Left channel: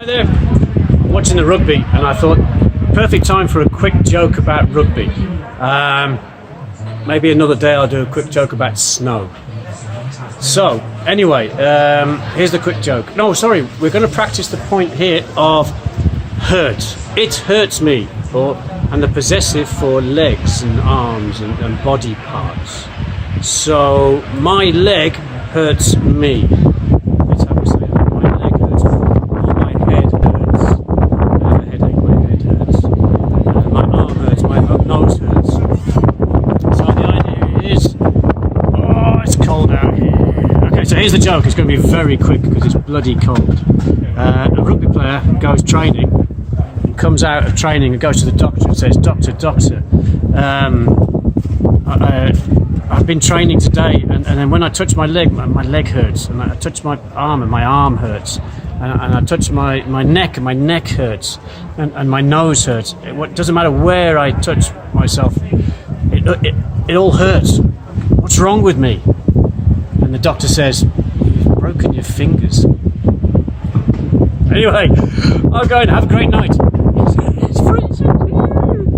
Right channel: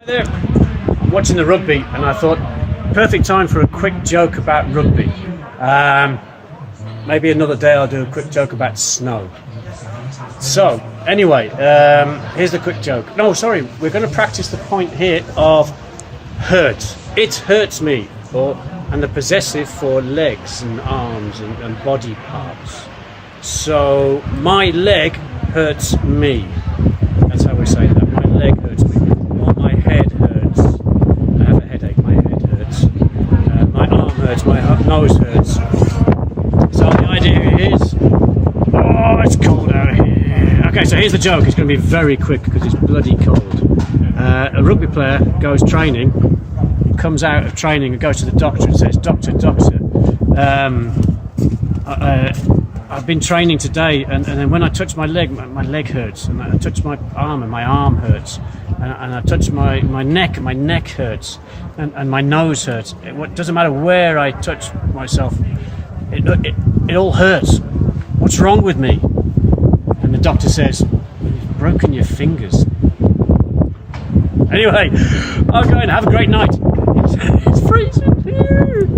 Hi there, watching the rugby, and I thought perfect time for a quick joke about rugby. Maybe another day I'll do a quick joke about snow. So anyway, here's the quick joke. No, sorry, we're going to practice the point here of hurt. It hurts me, and the possessive for legs and arms and body parts. So my leg hurts me. That's how we say it. My leg hurts me. My head hurts. I have a headache. My head hurts. My arm hurts. My nose hurts. So the idea is, oh, it's cold out here. Okay, so here's the joke. It's going to be very quick because it's bloody cold. A rugby player goes training, and comes out of training and goes to the doctor and says, "Doctor, I've been training today, and then when I touch my leg hurts, and I touch my arm, and my arm hurts, and I touch my neck, and my neck hurts, and my nose hurts. It doesn't matter where I touch myself, it all hurts. What's wrong with me?" And the doctor says, "You've broken your fingers." Anyway, I'll go and have a great night. It's freezing here.